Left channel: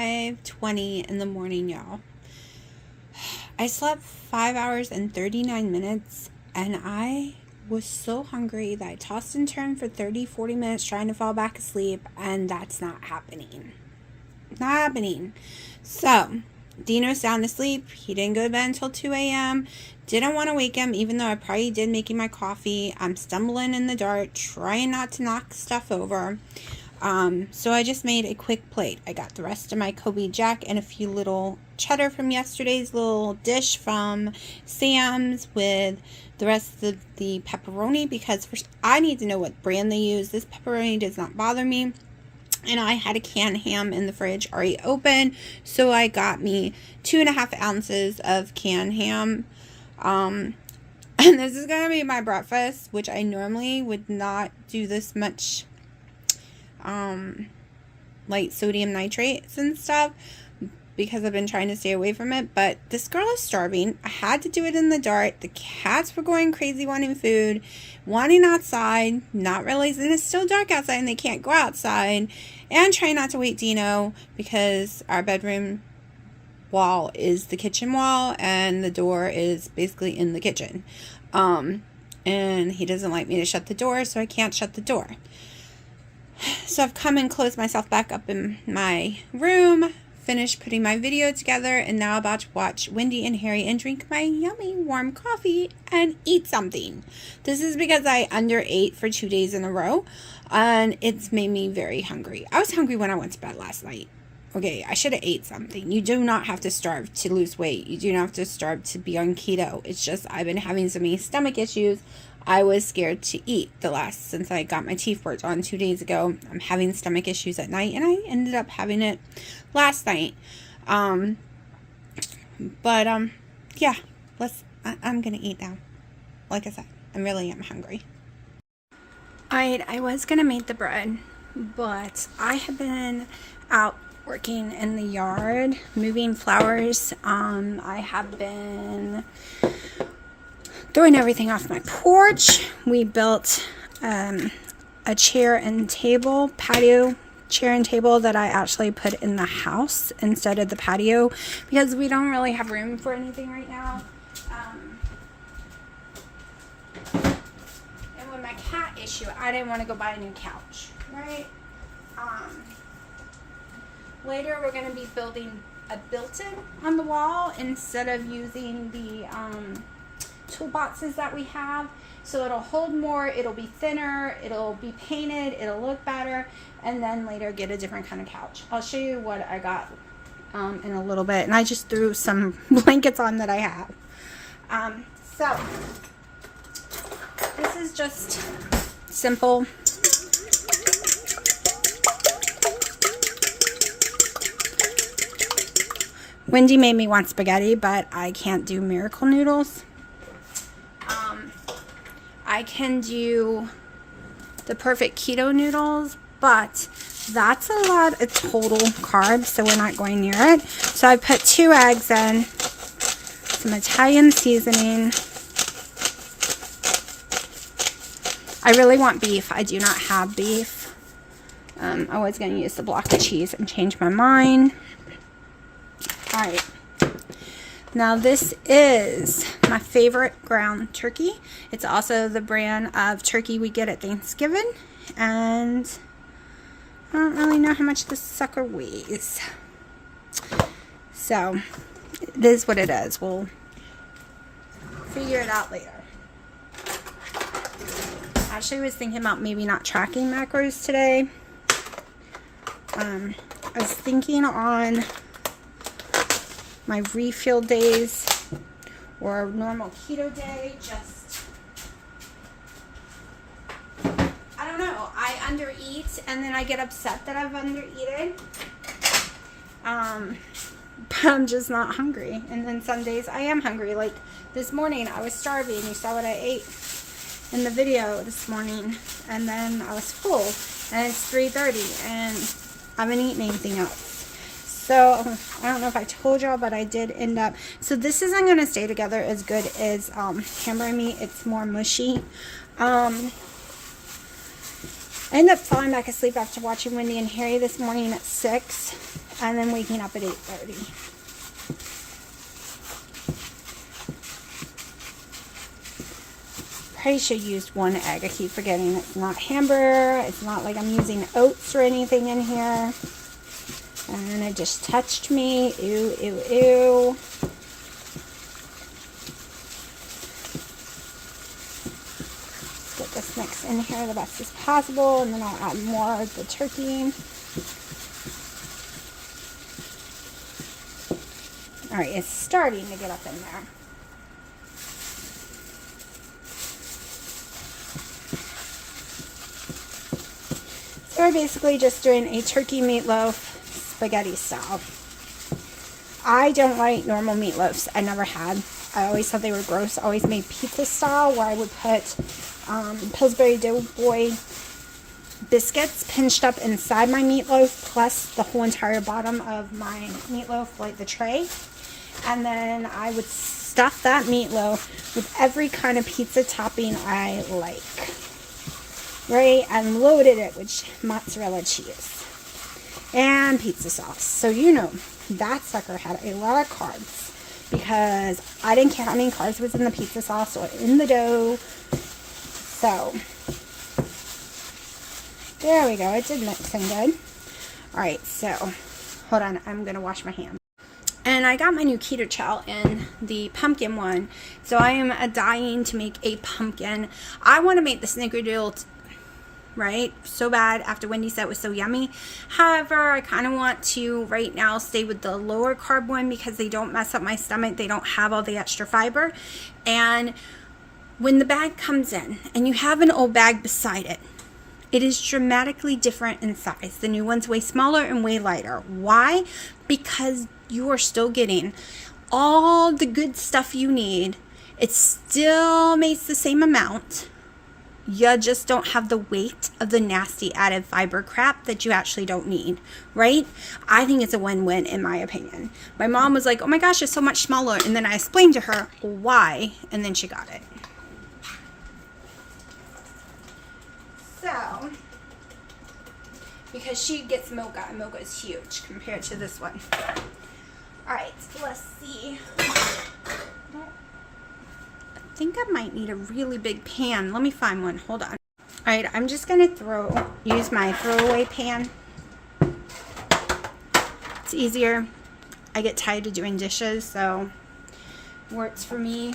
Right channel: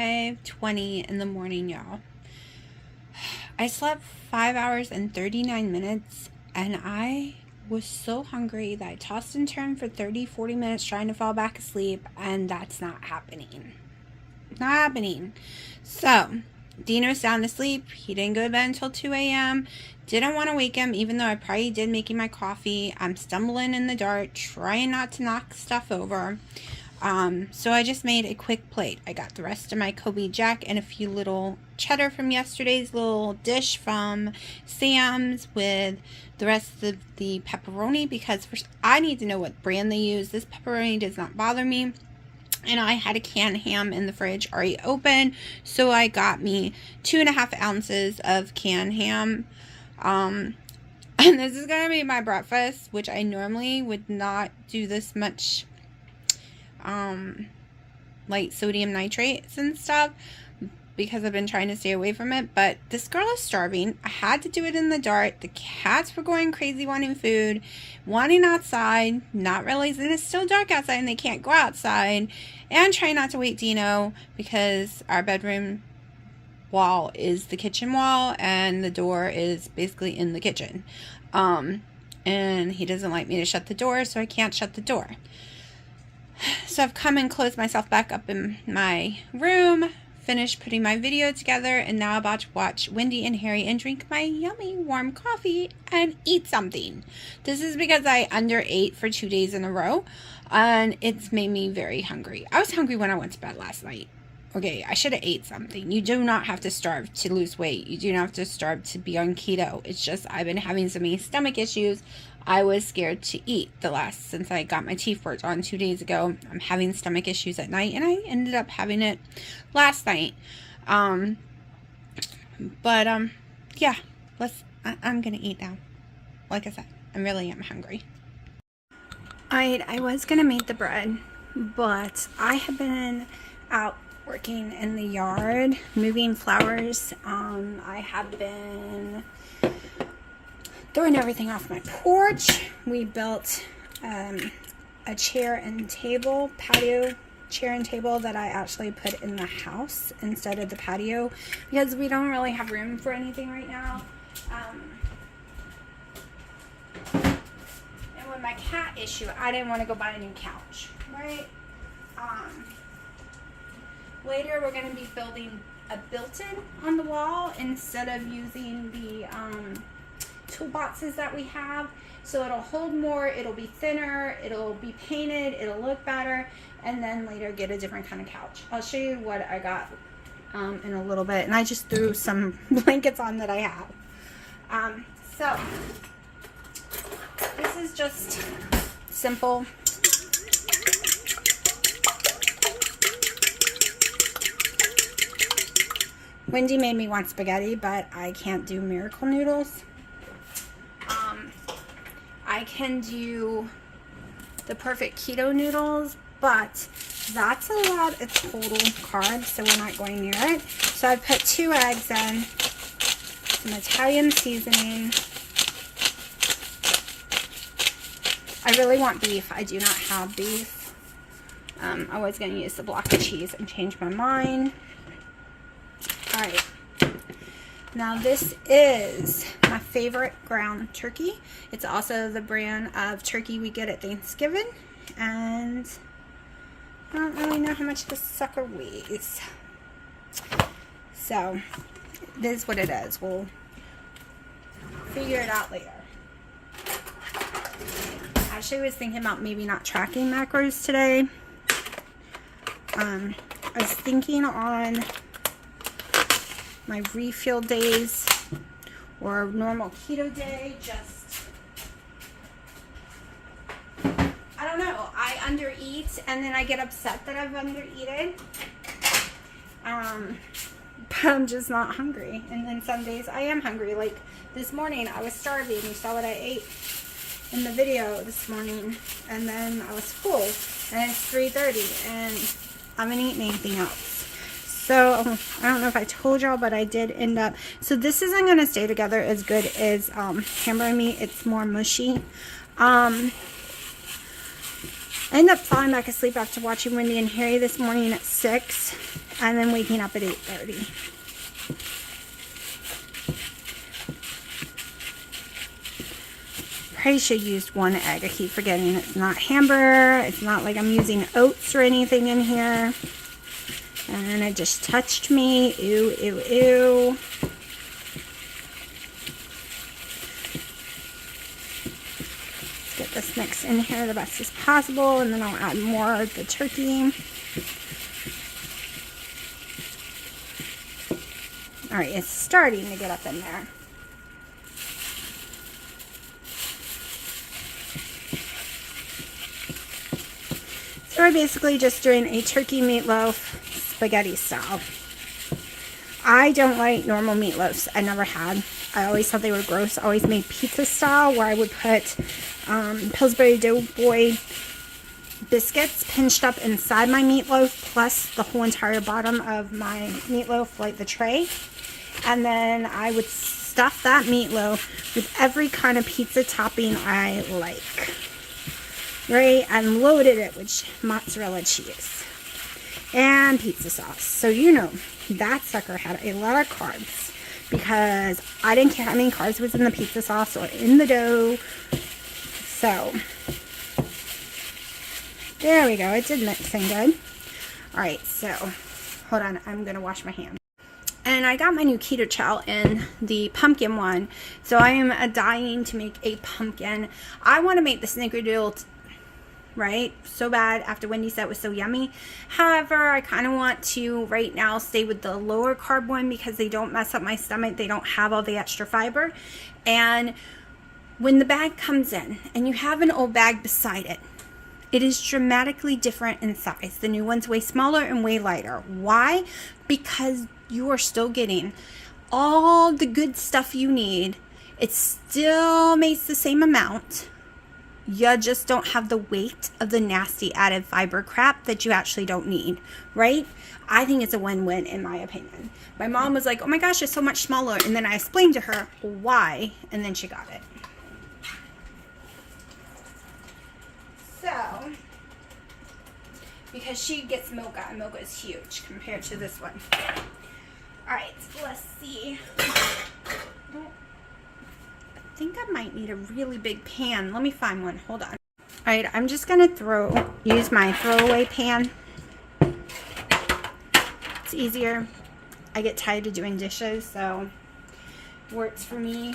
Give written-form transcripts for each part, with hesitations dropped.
5:20 in the morning, y'all. I slept 5 hours and 39 minutes, and I was so hungry that I tossed and turned for 30-40 minutes trying to fall back asleep, and that's not happening. Not happening. So Dino's sound asleep. He didn't go to bed until 2 a.m. Didn't want to wake him, even though I probably did making my coffee. I'm stumbling in the dark, trying not to knock stuff over. So I just made a quick plate. I got the rest of my Kobe Jack and a few little cheddar from yesterday's little dish from Sam's with the rest of the pepperoni, because I need to know what brand they use. This pepperoni does not bother me. And I had a canned ham in the fridge already open, so I got me 2.5 ounces of canned ham. And this is going to be my breakfast, which I normally would not do this much like sodium nitrates and stuff, because I've been trying to stay away from it. But this girl is starving. I had to do it in the dark. The cats were going crazy wanting food, wanting outside, not realizing it's still dark outside and they can't go outside, and trying not to wake Dino because our bedroom wall is the kitchen wall and the door is basically in the kitchen. And he doesn't like me to shut the door, so I can't shut the door. So I've come and closed myself back up in my room, finished putting my video together, and now about to watch Wendy and Harry and drink my yummy warm coffee and eat something. This is because I underate for 2 days in a row, and it's made me very hungry. I was hungry when I went to bed last night. Okay, I should have ate something. You do not have to starve to lose weight. You do not have to starve to be on keto. It's just I've been having so many stomach issues. I was scared to eat since I got my teeth worked on 2 days ago. I'm having stomach issues at night, and I ended up having it last night. Yeah, I'm gonna eat now. Like I said, I really am hungry. Alright, I was gonna make the bread, but I have been out working in the yard, moving flowers. I have been throwing everything off my porch. We built a chair and table, patio chair and table that I actually put in the house instead of the patio, because we don't really have room for anything right now. And with my cat issue, I didn't want to go buy a new couch, right? Later we're going to be building a built-in on the wall instead of using the toolboxes that we have, so it'll hold more, it'll be thinner, it'll be painted, it'll look better, and then later get a different kind of couch. I'll show you what I got in a little bit, and I just threw some blankets on that I have. So this is just simple. Wendy made me want spaghetti, but I can't do miracle noodles. I can do the perfect keto noodles, but that's a lot of total carbs, so we're not going near it. So I put 2 eggs in, some Italian seasoning. I really want beef. I do not have beef. I was going to use the block of cheese and change my mind. Alright. Now this is my favorite ground turkey. It's also the brand of turkey we get at Thanksgiving. And I don't really know how much this sucker weighs. So, it is what it is. We'll figure it out later. Actually, I was thinking about maybe not tracking macros today. I was thinking on my refuel days or a normal keto day, just, I don't know, I undereat and then I get upset that I've undereaten, but I'm just not hungry. And then some days I am hungry. Like this morning I was starving. You saw what I ate in the video this morning, and then I was full, and it's 3:30 and I haven't eaten anything else. So, I don't know if I told y'all, but I did end up, so this isn't going to stay together as good as hamburger meat. It's more mushy. I ended up falling back asleep after watching Wendy and Harry this morning at 6. and then waking up at 8:30. Probably should use 1 egg. I keep forgetting it's not hamburger. It's not like I'm using oats or anything in here. And it just touched me. Ew, ew, ew. Get this mixed in here the best as possible, and then I'll add more of the turkey. All right, it's starting to get up in there. So we're basically just doing a turkey meatloaf spaghetti style. I don't like normal meatloafs. I never had. I always thought they were gross. I always made pizza style, where I would put Pillsbury Doughboy biscuits pinched up inside my meatloaf, plus the whole entire bottom of my meatloaf, like the tray. And then I would stuff that meatloaf with every kind of pizza topping I like. Right? And loaded it with mozzarella cheese and pizza sauce. So you know, that sucker had a lot of carbs, because I didn't care how many carbs was in the pizza sauce or in the dough. So there we go. It did mix in good. All right, so hold on. I'm going to wash my hands. And I got my new Keto Chow in the pumpkin one. So I am dying to make a pumpkin. I want to make the snickerdoodle, right, so bad, after Wendy said it was so yummy. However, I kind of want to right now stay with the lower carb one, because they don't mess up my stomach. They don't have all the extra fiber. And when the bag comes in and you have an old bag beside it, it is dramatically different in size. The new one's way smaller and way lighter. Why? Because you are still getting all the good stuff you need. It still makes the same amount. You just don't have the weight of the nasty added fiber crap that you actually don't need, right? I think it's a win-win, in my opinion. My mom was like, oh my gosh, it's so much smaller. And then I explained to her why, and then she got it. So, because she gets mocha, and mocha is huge compared to this one. All right, so let's see. I think I might need a really big pan. Let me find one. Hold on. All right, I'm just gonna use my throwaway pan. It's easier. I get tired of doing dishes, so it works for me.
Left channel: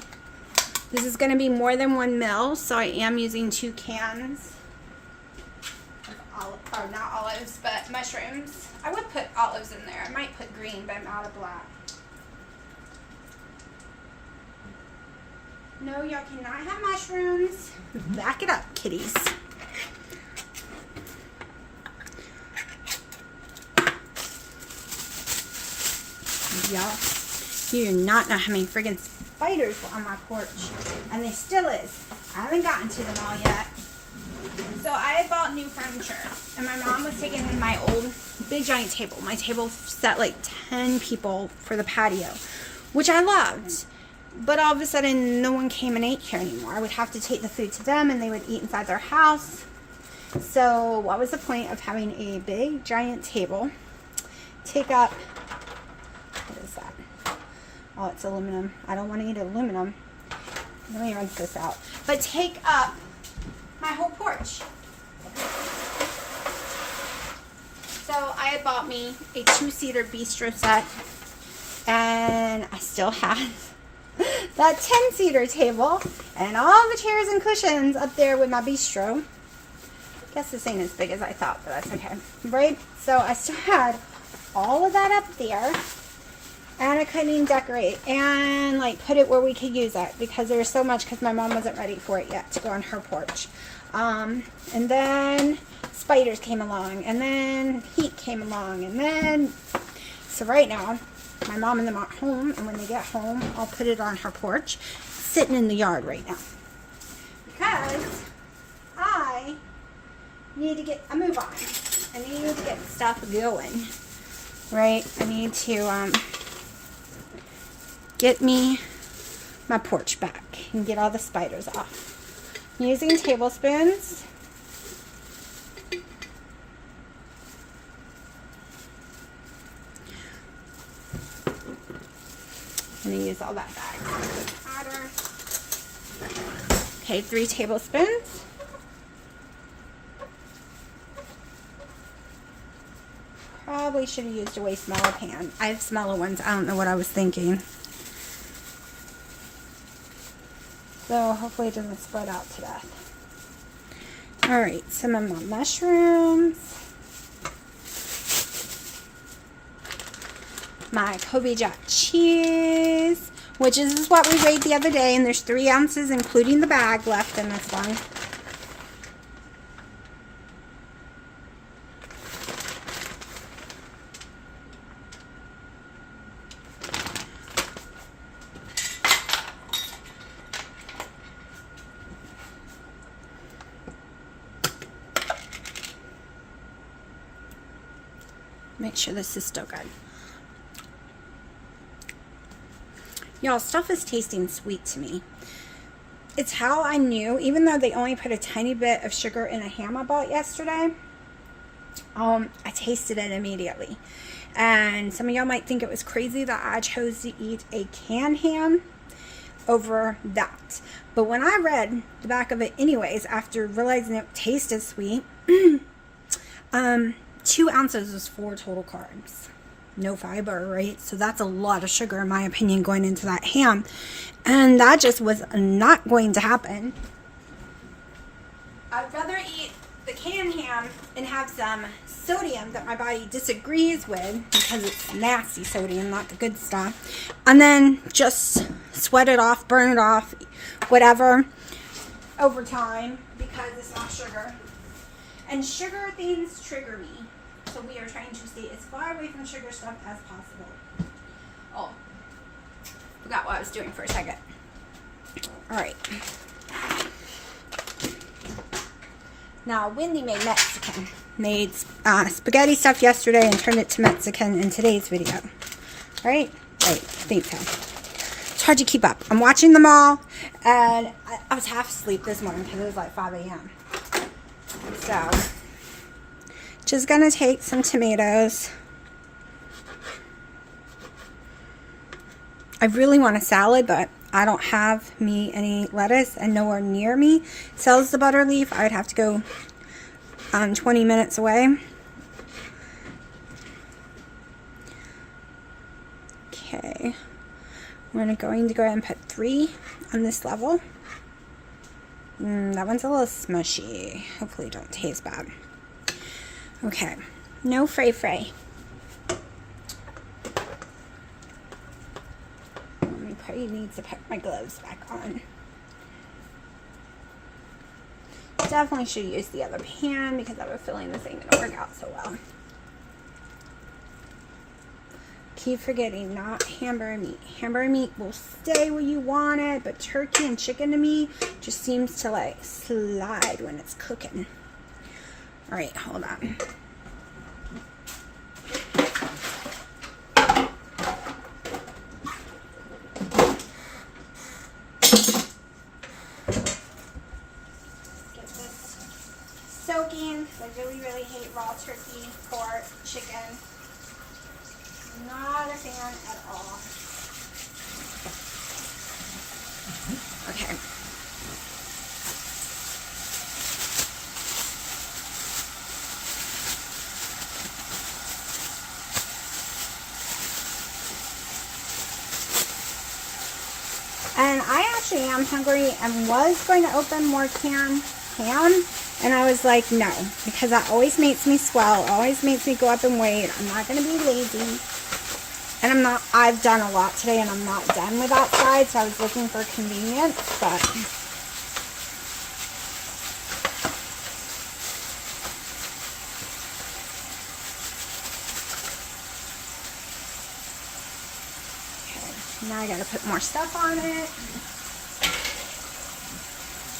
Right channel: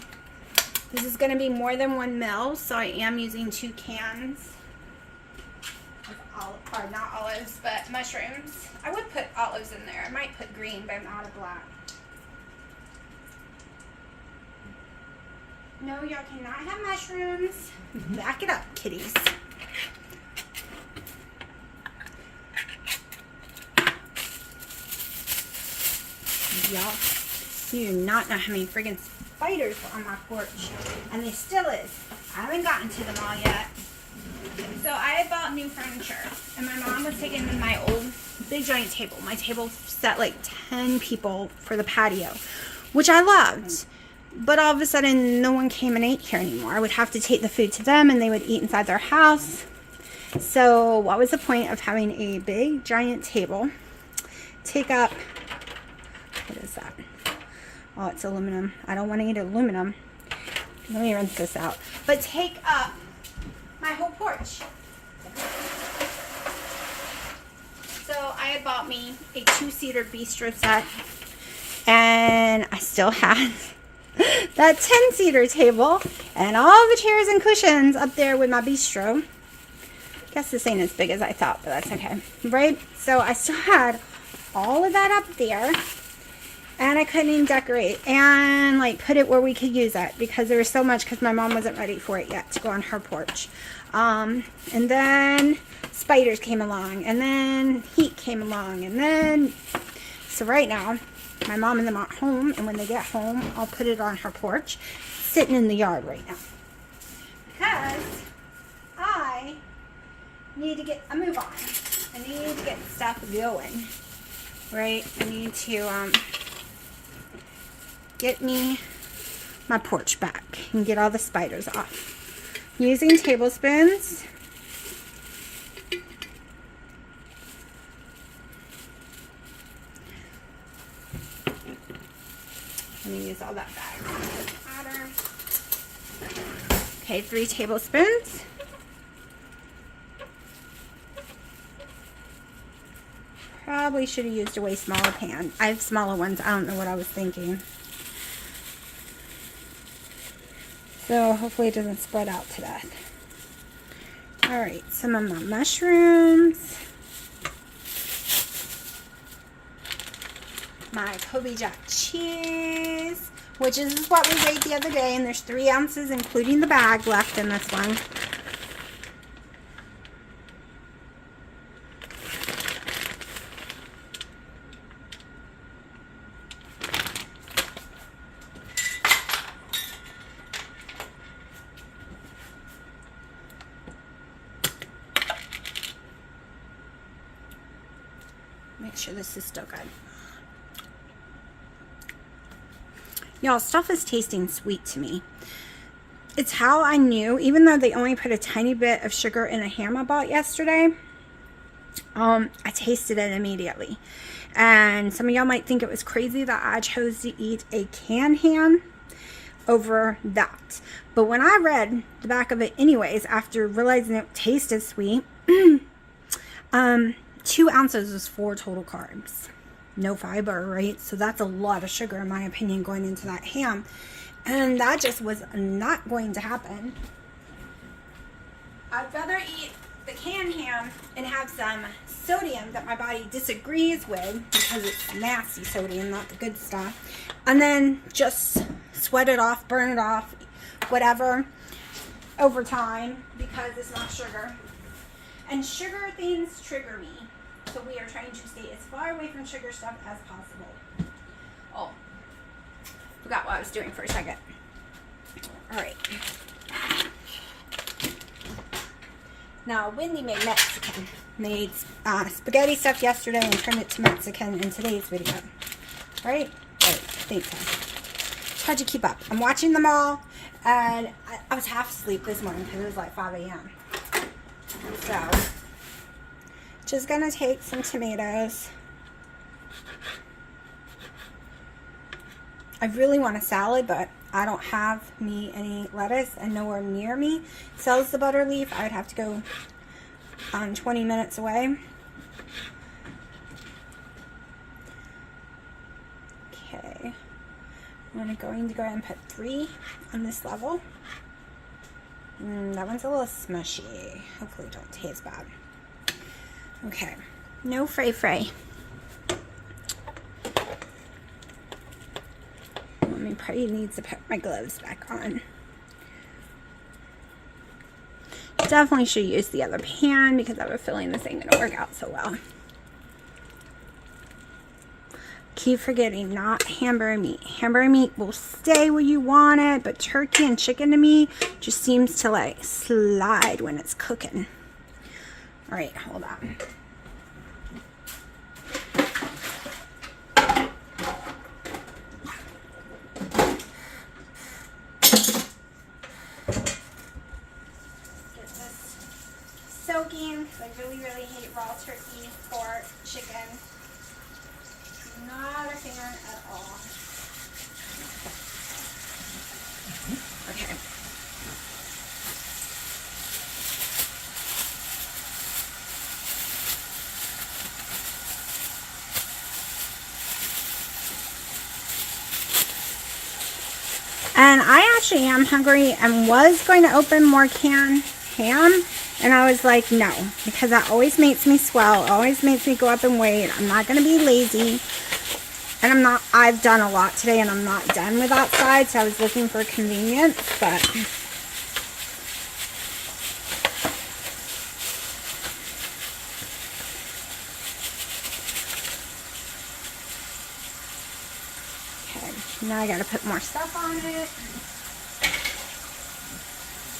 This is gonna be more than 1 ml, so I am using 2 cans of or not olives, but mushrooms. I would put olives in there. I might put green, but I'm out of black. No, y'all cannot have mushrooms. Back it up, kitties. Y'all, you do not know how many friggin' spiders were on my porch. And they still is. I haven't gotten to them all yet. So I had bought new furniture. And my mom was taking my old big giant table. My table sat like 10 people for the patio, which I loved. But all of a sudden, no one came and ate here anymore. I would have to take the food to them, and they would eat inside their house. So what was the point of having a big, giant table take up, what is that? Oh, it's aluminum. I don't want to eat aluminum. Let me rinse this out. But take up my whole porch. So I had bought me a 2-seater bistro set, and I still have that 10-seater table and all the chairs and cushions up there with my bistro. I guess this ain't as big as I thought, but that's okay, right? So I still had all of that up there, and I couldn't even decorate and like put it where we could use it, because there was so much, because my mom wasn't ready for it yet to go on her porch. And then spiders came along, and then heat came along, and then, so right now my mom and them are home, and when they get home, I'll put it on her porch, sitting in the yard right now, because I need to get a move on. I need to get stuff going, right? I need to get me my porch back and get all the spiders off. Using tablespoons. I'm going to use all that bag. Okay, 3 tablespoons. Probably should have used a way smaller pan. I have smaller ones. I don't know what I was thinking. So hopefully it doesn't spread out to death. Alright, some of my mushrooms. My Kobe jack cheese, which is what we weighed the other day, and there's 3 ounces including the bag left in this one. Make sure this is still good. Y'all, stuff is tasting sweet to me. It's how I knew, even though they only put a tiny bit of sugar in a ham I bought yesterday, I tasted it immediately. And some of y'all might think it was crazy that I chose to eat a canned ham over that. But when I read the back of it anyways, after realizing it tasted sweet, 2 ounces is 4 total carbs. No fiber, right? So that's a lot of sugar, in my opinion, going into that ham. And that just was not going to happen. I'd rather eat the canned ham and have some sodium that my body disagrees with, because it's nasty sodium, not the good stuff, and then just sweat it off, burn it off, whatever, over time, because it's not sugar. And sugar things trigger me. So we are trying to stay as far away from sugar stuff as possible. Oh, forgot what I was doing for a second. All right. Now, Wendy made Mexican. Made spaghetti stuff yesterday and turned it to Mexican in today's video. Right? Right, I think so. It's hard to keep up. I'm watching them all, and I was half asleep this morning because it was like 5 a.m. So, just gonna take some tomatoes. I really want a salad, but I don't have any lettuce, and nowhere near me sells the butter leaf. I'd have to go 20 minutes away. Okay, I'm going to go ahead and put 3 on this level. That one's a little smushy. Hopefully it don't taste bad. Okay, no fray. I probably need to put my gloves back on. Definitely should use the other pan because I have a feeling this ain't gonna work out so well. Keep forgetting, not hamburger meat. Hamburger meat will stay where you want it, but turkey and chicken to me just seems to like slide when it's cooking. All right, hold on. Get this soaking. I really hate raw turkey, pork, chicken. Not a fan at all. Okay. And I actually am hungry and was going to open more canned ham. And I was like, no, because that always makes me swell, always makes me go up in weight. I'm not going to be lazy. And I've done a lot today and I'm not done with that side. So I was looking for convenience, but okay, now I got to put more stuff on it.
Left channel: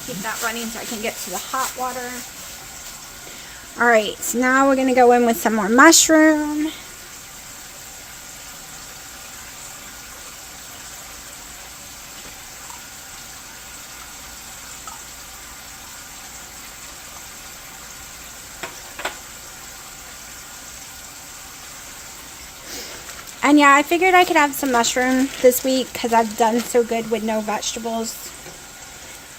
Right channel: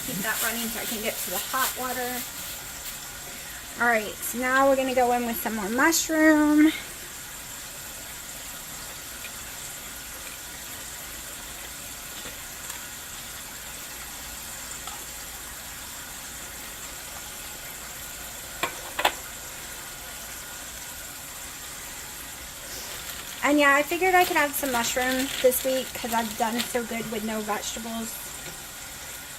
Keep that running so I can get to the hot water. All right, so now we're going to go in with some more mushroom. And yeah, I figured I could have some mushroom this week because I've done so good with no vegetables.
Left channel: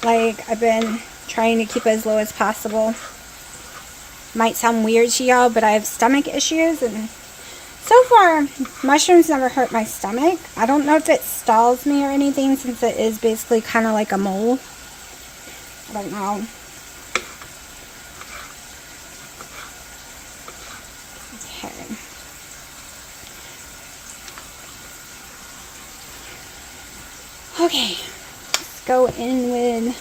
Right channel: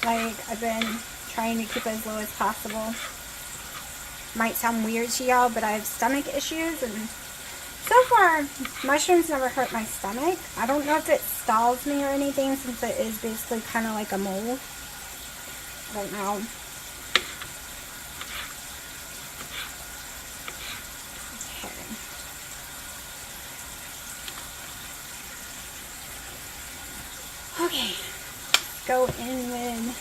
Like, I've been trying to keep it as low as possible. Might sound weird to y'all, but I have stomach issues, and so far, mushrooms never hurt my stomach. I don't know if it stalls me or anything, since it is basically kind of like a mole. I don't know. Okay, let's go in with,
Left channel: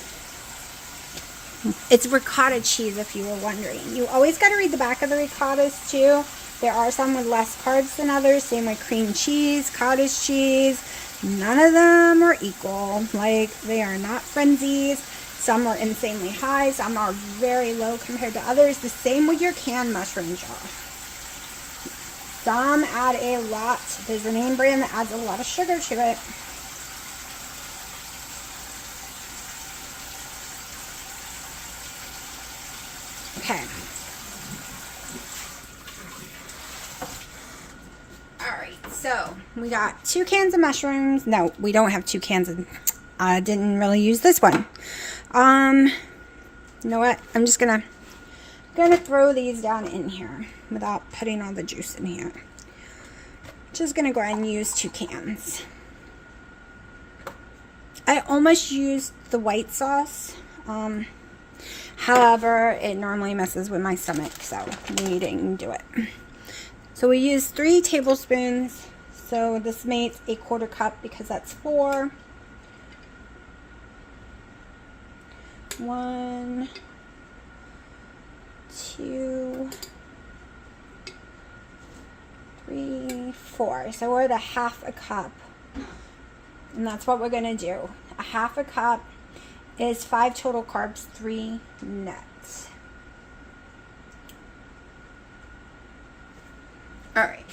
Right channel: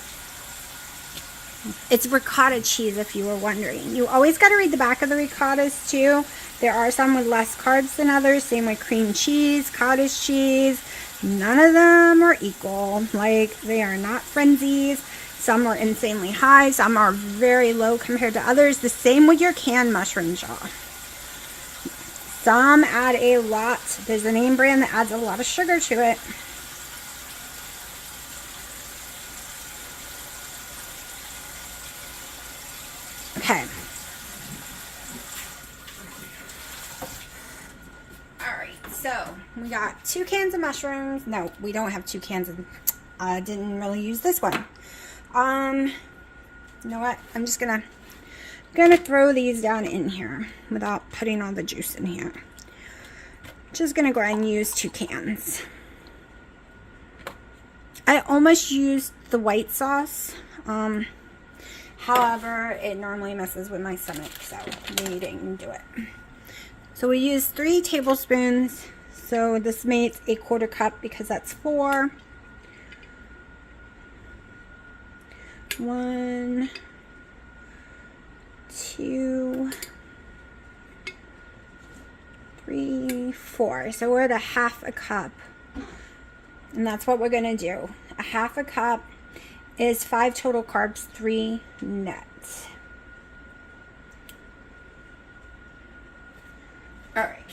it's ricotta cheese, if you were wondering. You always got to read the back of the ricottas too. There are some with less carbs than others, same with cream cheese, cottage cheese. None of them are equal. Like, they are not frenzies. Some are insanely high, some are very low compared to others. The same with your canned mushrooms, y'all. Some add a lot. There's a name brand that adds a lot of sugar to it. Okay. Alright, so we got 2 cans of mushrooms. No, we don't have 2 cans of, I didn't really use this one. You know what? I'm just gonna throw these down in here without putting all the juice in here. Just gonna go ahead and use 2 cans. I almost used the white sauce. However, it normally messes with my stomach, so we didn't do it. So we used 3 tablespoons. So this makes a 1/4 cup because that's 4. 1, 2, 3, 4. So we're at a 1/2 cup. And that's what we're going to do. A 1/2 cup is 5 total carbs, 3 net. Alright.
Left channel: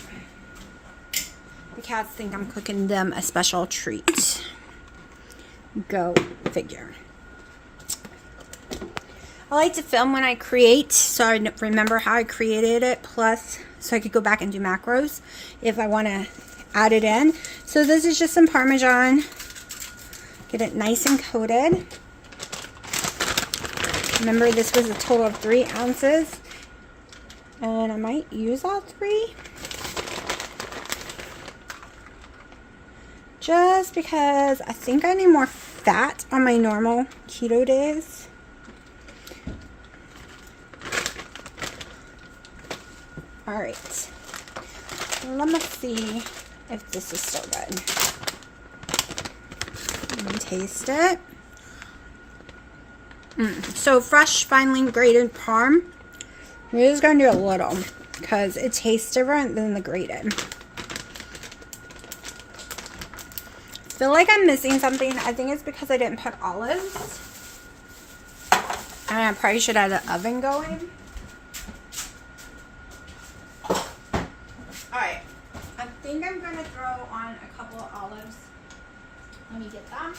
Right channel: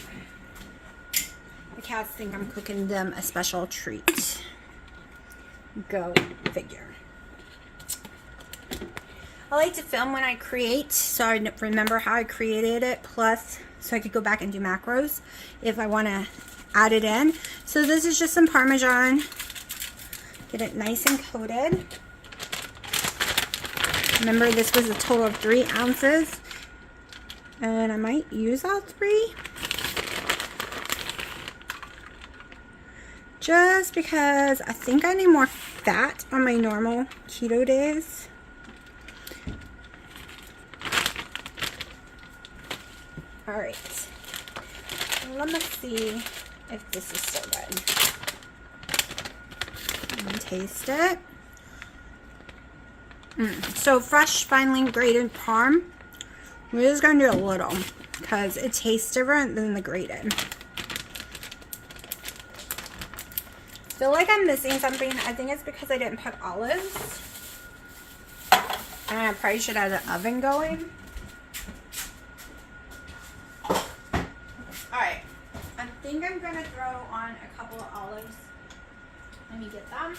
The cats think I'm cooking them a special treat. Go figure. I like to film when I create, so I remember how I created it, plus so I could go back and do macros if I want to add it in. So this is just some Parmesan. Get it nice and coated. Remember, this was a total of 3 ounces, and I might use all 3. Just because I think I need more fat on my normal keto days. Alright, let me see if this is still good. Let me taste it. So fresh, finely grated parm. We're just going to do a little because it tastes different than the grated. I feel like I'm missing something. I think it's because I didn't put olives. And I probably should have an oven going. Alright. I think I'm going to throw on a couple of olives. Let me get them.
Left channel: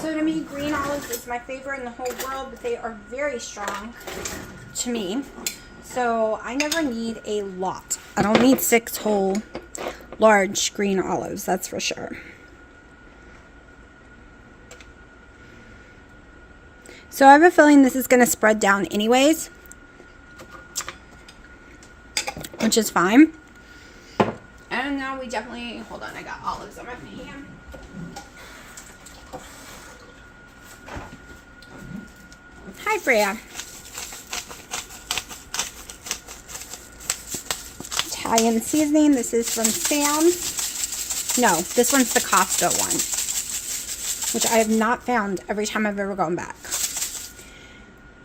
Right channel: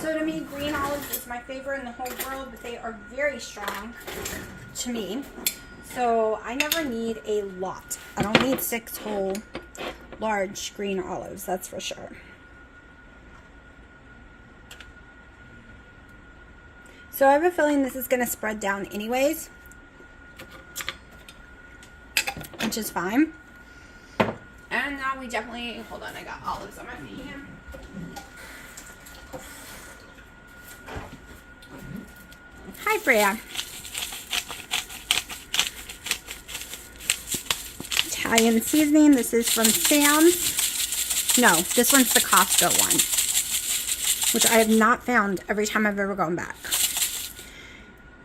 So to me, green olives is my favorite in the whole world, but they are very strong to me. So I never need a lot. I don't need 6 whole large green olives, that's for sure. So I have a feeling this is going to spread down anyways, which is fine. And now we definitely, hold on, I got olives on my hand. Hi, Freya. Italian seasoning. This is from Sam's. No, this one's the Costco one, which I have not found every time I've ever gone back.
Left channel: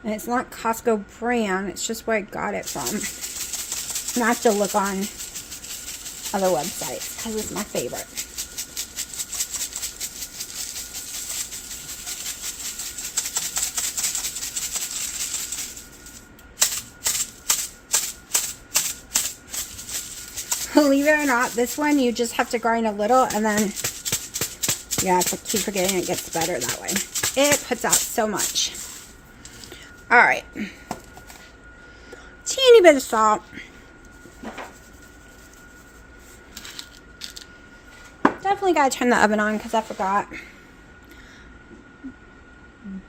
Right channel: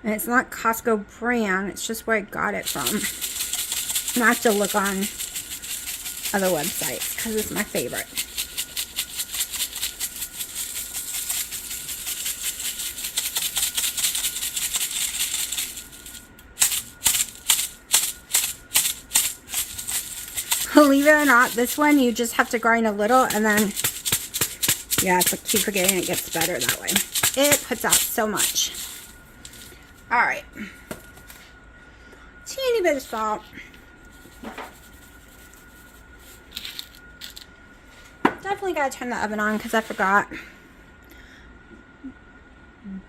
And it's not Costco brand. It's just where I got it from. And I have to look on other websites because it's my favorite. Believe it or not, this one you just have to grind a little and then, yeah, I keep forgetting it gets better that way. It puts out so much. All right. Teeny bit of salt. Definitely got to turn the oven on because I forgot.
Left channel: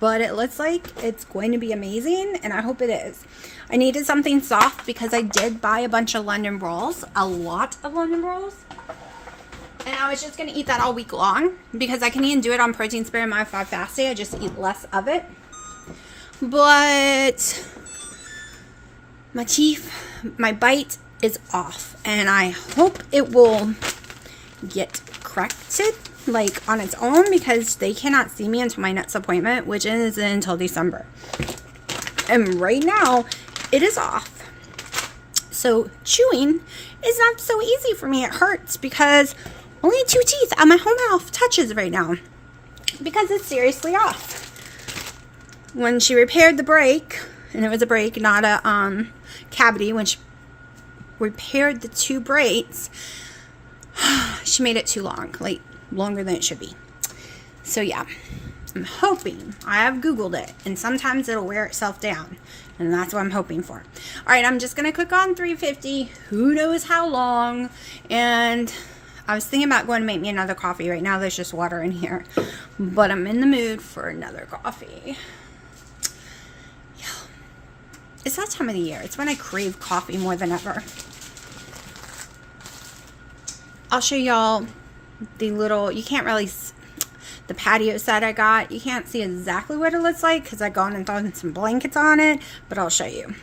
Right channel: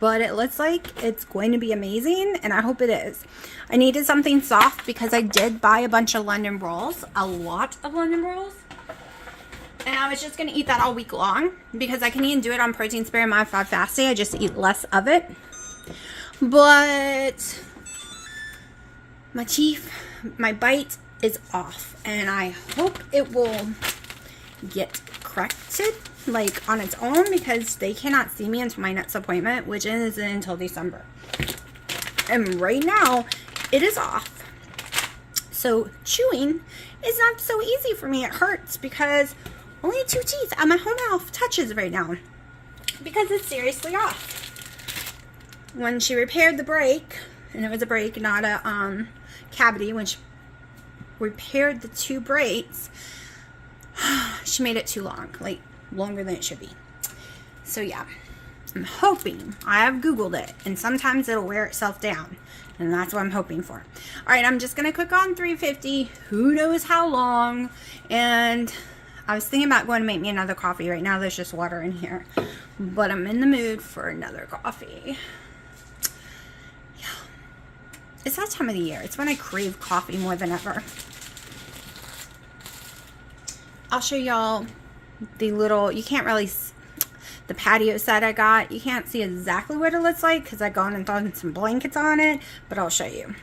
But it looks like it's going to be amazing, and I hope it is. I needed something soft because I did buy a bunch of London rolls, a lot of London rolls. And I was just going to eat that all week long because I can even do it on protein spare my 5 fasting. I just eat less of it. But my bite is off, and I hope it will get corrected like on its own because they cannot see me until my next appointment, which is until December. And right now it is off. So chewing is not so easy for me. It hurts because only 2 teeth on my whole mouth touches right now because it's seriously off. When she repaired the break, and it was a break, not a cavity, when she repaired the 2 braids, she made it too long, like longer than it should be. So yeah, I'm hoping, I have Googled it, and sometimes it'll wear itself down, and that's what I'm hoping for. All right, I'm just going to cook on 350, who knows how long, and I was thinking about going to make me another coffee. Right now there's just water in here, but I'm in the mood for another coffee. Yeah. It's that time of the year. It's when I crave coffee more than ever. I'll show y'all the little, you can't really, the patio set I got. You can't see exactly what it looks like because I gone and thrown some blankets on it, but I'll show you.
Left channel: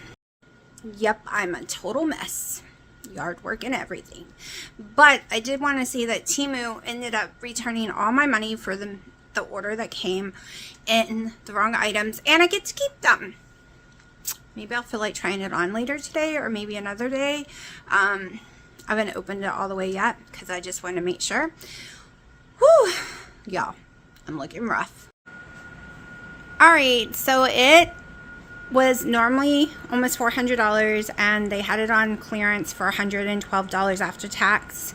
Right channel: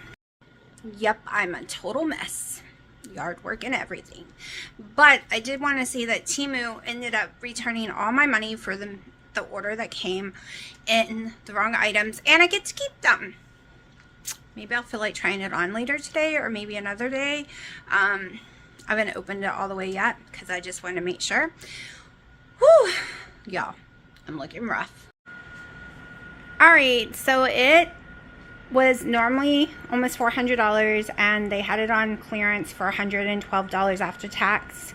Yep, I'm a total mess. Yard work and everything. But I did want to see that Temu ended up returning all my money for the order that came in the wrong items, and I get to keep them. Maybe I'll feel like trying it on later today or maybe another day. I haven't opened it all the way yet because I just wanted to make sure. Whew, y'all, I'm looking rough. All right, so it was normally almost $400, and they had it on clearance for $112 after tax.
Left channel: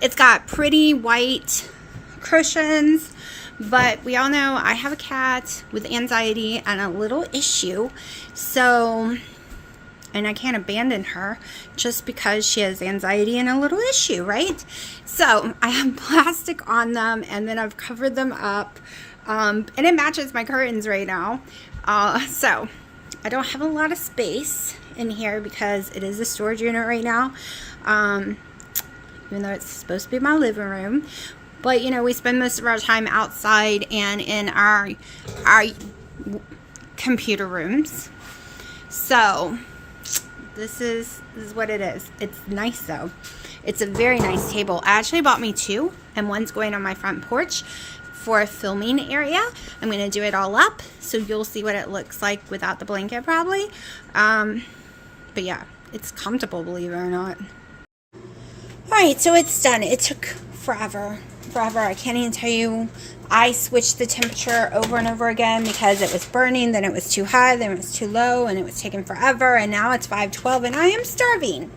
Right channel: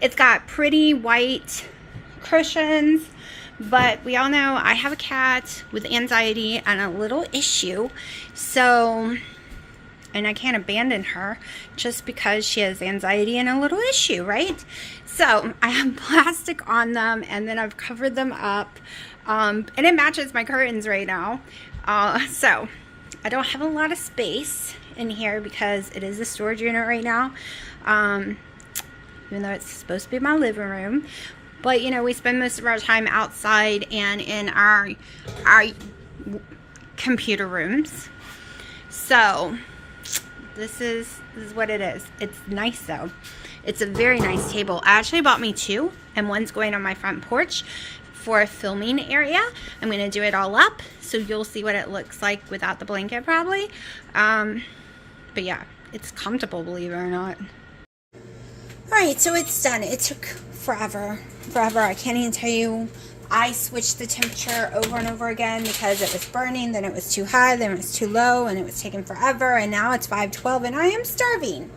It's got pretty white cushions, but we all know I have a cat with anxiety and a little issue, so, and I can't abandon her just because she has anxiety and a little issue, right? So I have plastic on them, and then I've covered them up, and it matches my curtains right now. So I don't have a lot of space in here because it is a storage unit right now, even though it's supposed to be my living room. But you know, we spend most of our time outside and in our computer rooms. So this is what it is. It's nice though. It's a very nice table. I actually bought me 2, and one's going on my front porch for a filming area. I'm going to do it all up, so you'll see what it looks like without the blanket probably. But yeah, it's comfortable, believe it or not. Alright, so it's done. It took forever. I can't even tell you. I switched the temperature over and over again because it was burning, then it was too high, then it was too low, and it was taking forever, and now it's 5:12 and I am starving.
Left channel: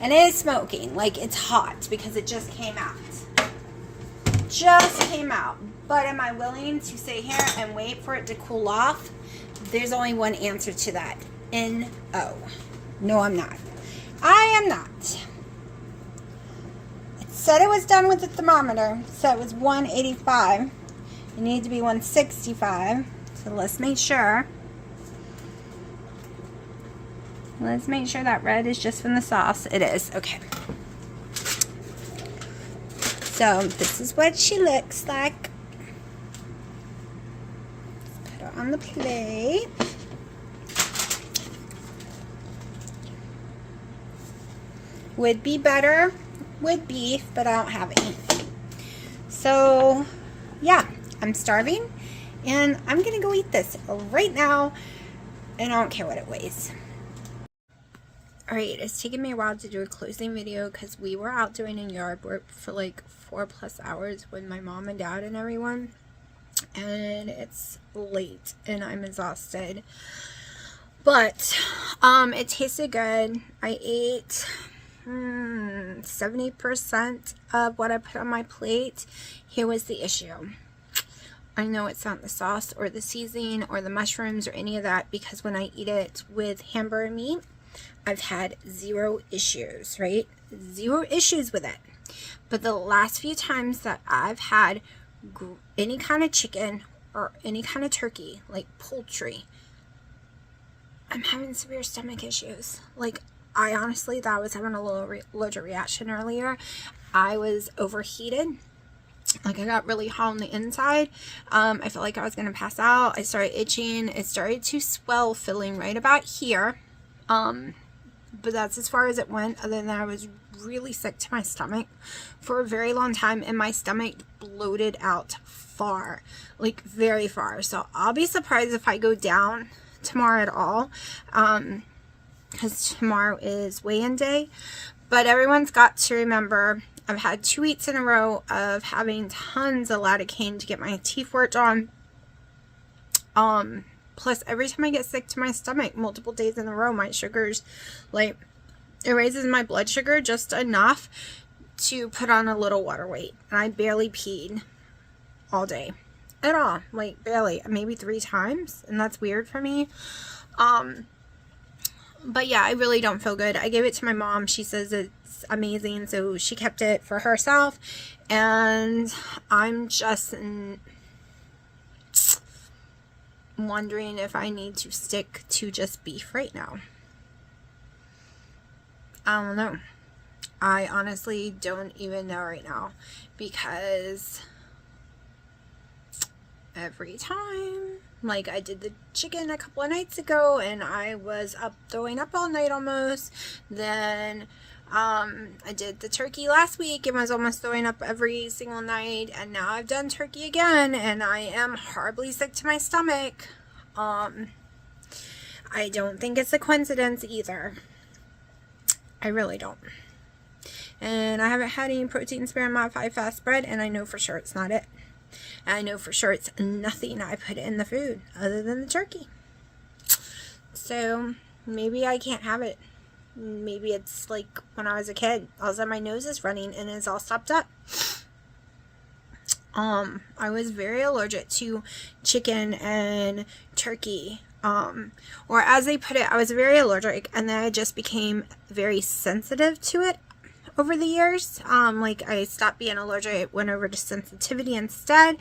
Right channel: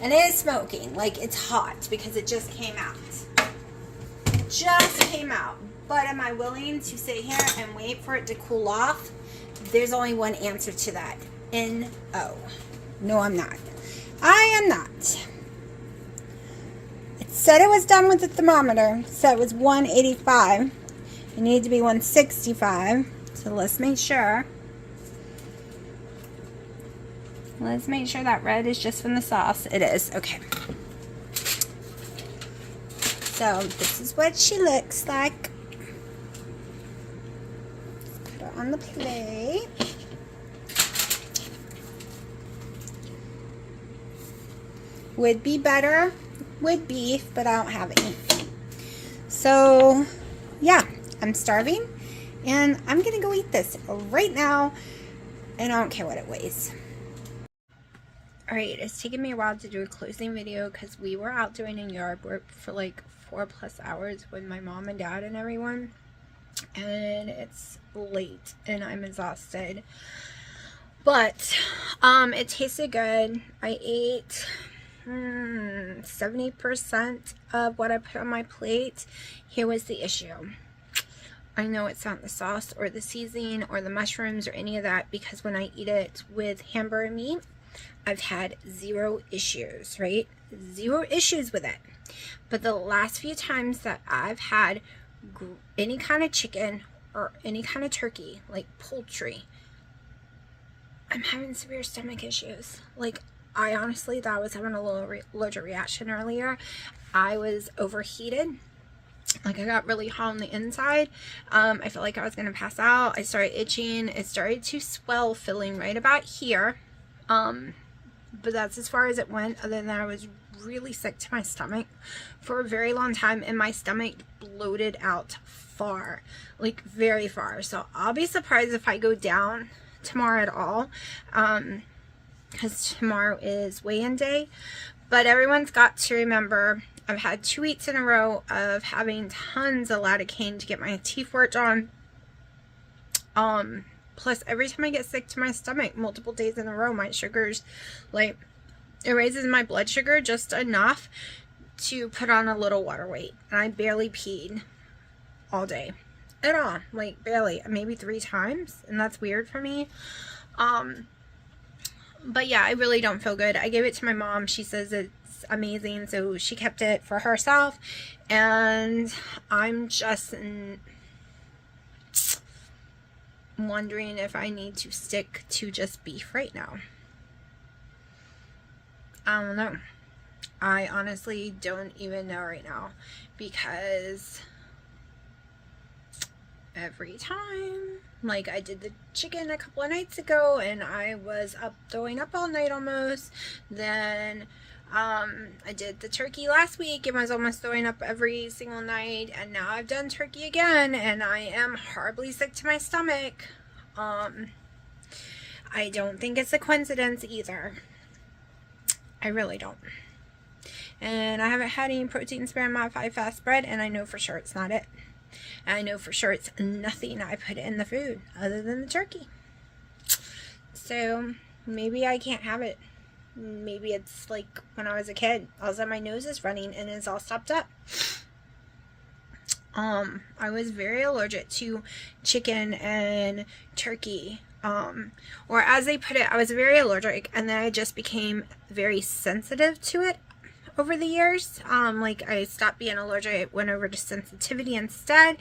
And it is smoking, like it's hot because it just came out. Just came out. But am I willing to sit here and wait for it to cool off? There's only one answer to that. N-O. No, I'm not. I am not. It said it was done with the thermometer. It said it was 185. It needed to be 165. So let's make sure. Let's make sure that red is just from the sauce. It is. Okay. So this is what she looks like. Put it on the plate. Would be better with beef, but I don't have any. So yeah, I'm starving, and I'm gonna go eat this right now, and I don't care what it weighs. Alright, it's taken me a while to do a closing video because we were out doing yard work for like 4+ hours with my mom and dad and everyone, and it's late and I'm exhausted, but it tasted good. I ate 70% of what I put on my plate. Here was the issue. I know it's not the sauce or the seasoning or the mushrooms or any of that, because when I eat it with hamburger meat, I've had zero issues, right? Zero issues with it. But the last few times that I've had any kind of chicken or any kind of turkey, like poultry, I'm having severe stomach issues. Like, I honestly thought I was having a little allergic reaction earlier. I was overheated. Like, I got really hot on the inside. I felt like I was going to pass out. I started itching. It started to swell, filling right about here. But that's as far as it went, other than I was really sick to my stomach for a very long time, and my stomach bloated out far, like very far. So I'll be surprised if I go down tomorrow at all, because tomorrow is weigh-in day. But everyone's got to remember, I've had 2 weeks in a row of having tons of lidocaine to get my teeth worked on. Plus, every time I get sick to my stomach, multiple days in a row, my sugars, like, it raises my blood sugar just enough to put on a little water weight. And I barely peed all day at all, like barely, maybe 3 times, and that's weird for me. But yeah, I really don't feel good. I gave it to my mom. She says it's amazing, so she kept it for herself, and I'm just wondering if I need to stick to just beef right now. I don't know. I honestly don't even know right now, because every time, like, I did the chicken a couple of nights ago and I was up throwing up all night almost. Then I did the turkey last week and was almost throwing up every single night, and now I've done turkey again and I am horribly sick to my stomach. I don't think it's a coincidence either. I really don't. And I haven't had any protein spare modified fast bread, and I know for sure it's not it. And I know for sure it's nothing I put in the food other than the turkey. So maybe I can't have it. Maybe it's like when I was a kid. All of a sudden my nose is running and it's all stopped up. I was very allergic to chicken and turkey. Or as they put it, I was very allergic, and then I just became very sensitive to it over the years. Like, I stopped being allergic, it went over to sensitivity instead.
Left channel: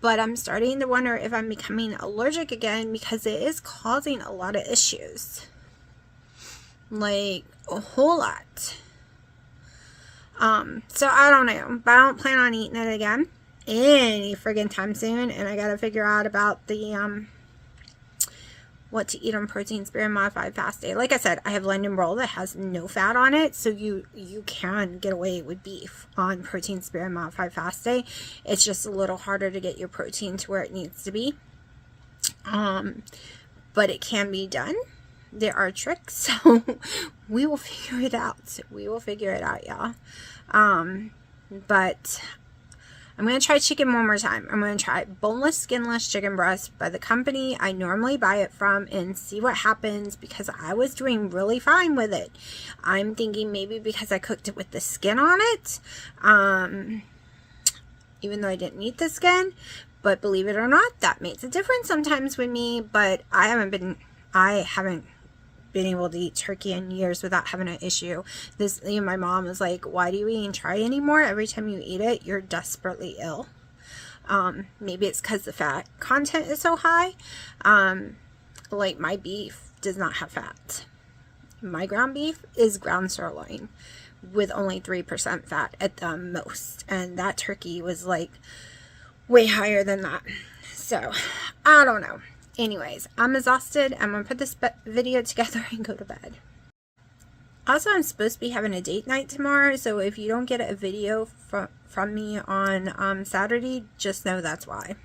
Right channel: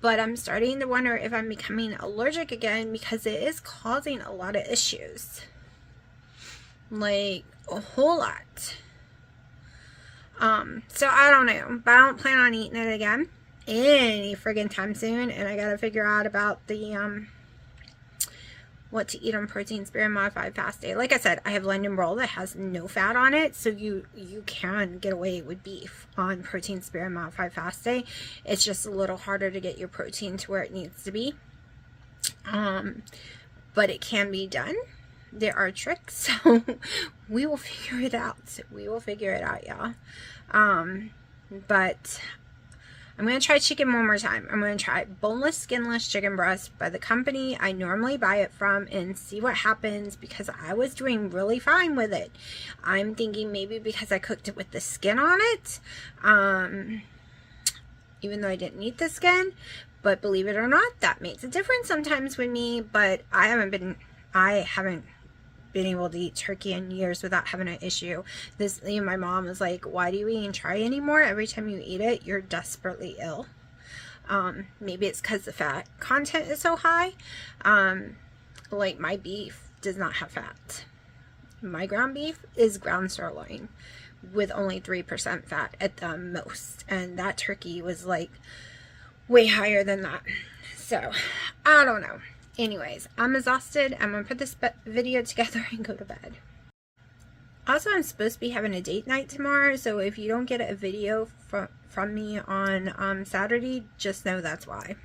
But I'm starting to wonder if I'm becoming allergic again, because it is causing a lot of issues. Like, a whole lot. So I don't know, but I don't plan on eating it again any friggin' time soon. And I gotta figure out about the what to eat on protein spare modified fast day. Like I said, I have London roll that has no fat on it, so you can get away with beef on protein spare modified fast day. It's just a little harder to get your protein to where it needs to be, but it can be done. There are tricks, so we will figure it out. We will figure it out, y'all. But I'm going to try chicken one more time. I'm going to try boneless, skinless chicken breast by the company I normally buy it from and see what happens, because I was doing really fine with it. I'm thinking maybe because I cooked it with the skin on it, even though I didn't eat the skin. But believe it or not, that makes a difference sometimes with me. But I haven't been able to eat turkey in years without having an issue. My mom was like, why do you even try anymore? Every time you eat it, you're desperately ill. Maybe it's because the fat content is so high. Like, my beef does not have fat. My ground beef is ground sirloin with only 3% fat at the most. And that turkey was like way higher than that. So, I don't know. Anyways, I'm exhausted. I'm going to put this video together and go to bed. Also, I'm supposed to be having a date night tomorrow, so if you don't get a video from me on Saturday, just know that's why.